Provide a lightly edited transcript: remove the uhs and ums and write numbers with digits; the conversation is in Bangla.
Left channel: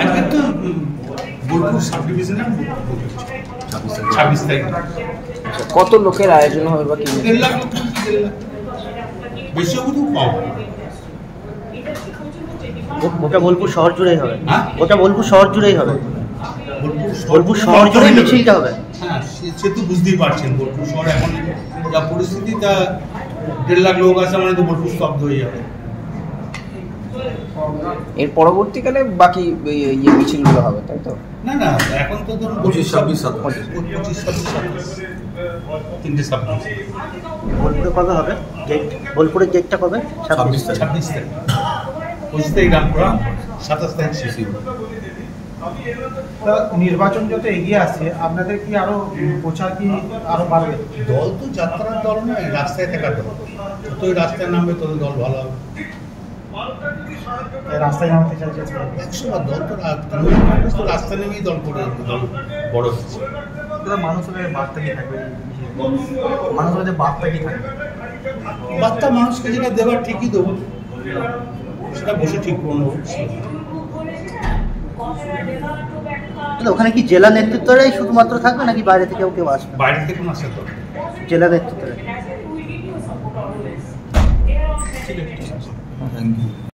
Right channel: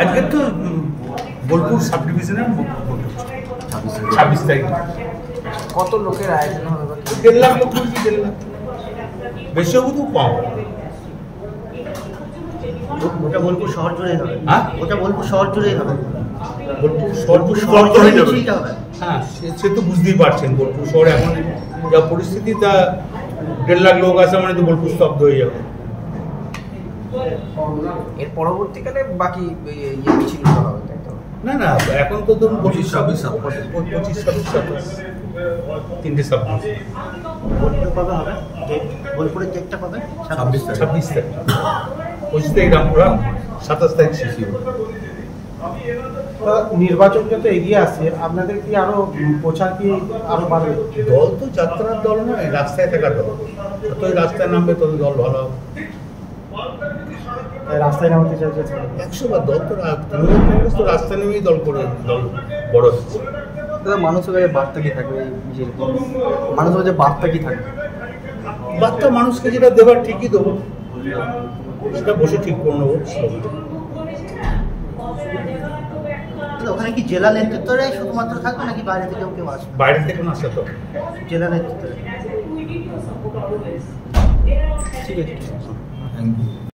আজকে তো বোলপুর সাব ডিভিশনের 26 তারিখ। কত লোকের আয়োজন হবে বা 1.5 লাখ লোক, 1.5 লাখ, বেশি হবে তো কম। ওটা বোলপুর শহর জুড়েই হবে? হ্যাঁ, ওটা বোলপুর শহর জুড়েই হবে? বোলপুর শহর জুড়েই মিছিলটা হবে? হ্যাঁ, সে তো বুঝতেই পারছেন বোলপুর শহর এখন যা পরিস্থিতি, তা 1.5 লাখ লোক আছে মানে তো বোলপুর স্তব্ধ হয়ে যাবে। এর পরবর্তীকালে বাকি মিছিলগুলো হবে, তাই তো? না না, এখন তো ধরুন 25, 26, 27 তিনটে সাবজেক্ট। বোলপুরে কবে হবে ডেট? বোলপুরের ডেটটা কবে? 26 তারিখ। 25 তারিখ রামপুরা, 27 তারিখ শিশির। নির্বাচন যত এগিয়ে আসছে, আপনাদের কি আরো প্রচার কি আরো বাড়বে? দল তো যাত্রার দল নয়, রাস্তায় থাকার দল। যতই রাস্তায় নামবে তত দল ভালো হবে। রাস্তায় নামতে চাইছে 100 বার দল তো তৃণমূল কংগ্রেস তো রাস্তায় নেমেই দল করে দল বড় হচ্ছে। মানুষের বার্তা কি থাকবে? মানুষের বার্তা কি থাকবে? বার্তা মানুষকে যেটা দেবার ঠিকই দেবো, সেটা বসে ঠিক করে নেবো। ওখানে কি জেলা নেতৃত্বরাই শুধুমাত্র থাকবে নাকি বাইরে থেকেও কেউ আসবে? বাইরে থেকে না, আসে তো জেলা নেতৃত্ব। ঠিক আছে, থ্যাংক ইউ।